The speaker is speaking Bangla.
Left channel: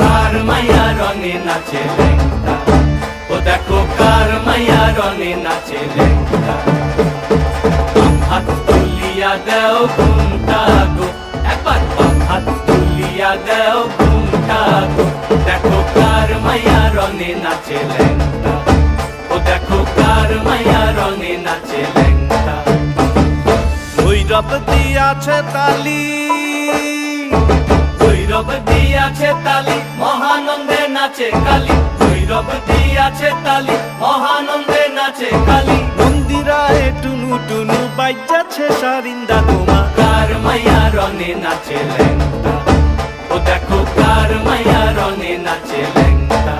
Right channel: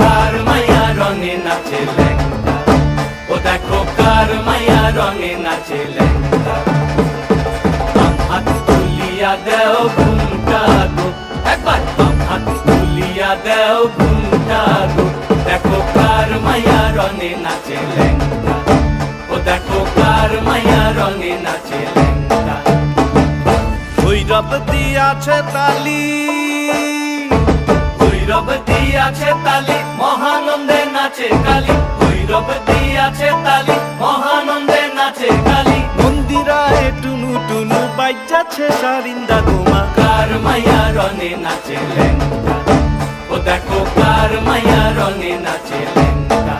কার মায়া রঙে নাচে ল্যাংটা, ও দেখো কার মায়া রঙে নাচে ল্যাংটা। বাম হাত তুলিয়া দেও ঘুমটা গো, একবার বাম হাত তুলিয়া দেও ঘুমটা গো। দেখো কার মায়া রঙে নাচে ল্যাংটা, ও দেখো কার মায়া রঙে নাচে ল্যাংটা। ভৈরব দিয়াছে তালি, ভৈরব দিয়াছে তালি, মহানন্দে নাচে কালী। ভৈরব দিয়াছে তালি, মহানন্দে নাচে কালী। মন্দিরায় টুনু টুনু বাইজাছে সারিন্দা গোমা। কার মায়া রঙে নাচে ল্যাংটা, ও দেখো কার মায়া রঙে নাচে ল্যাংটা।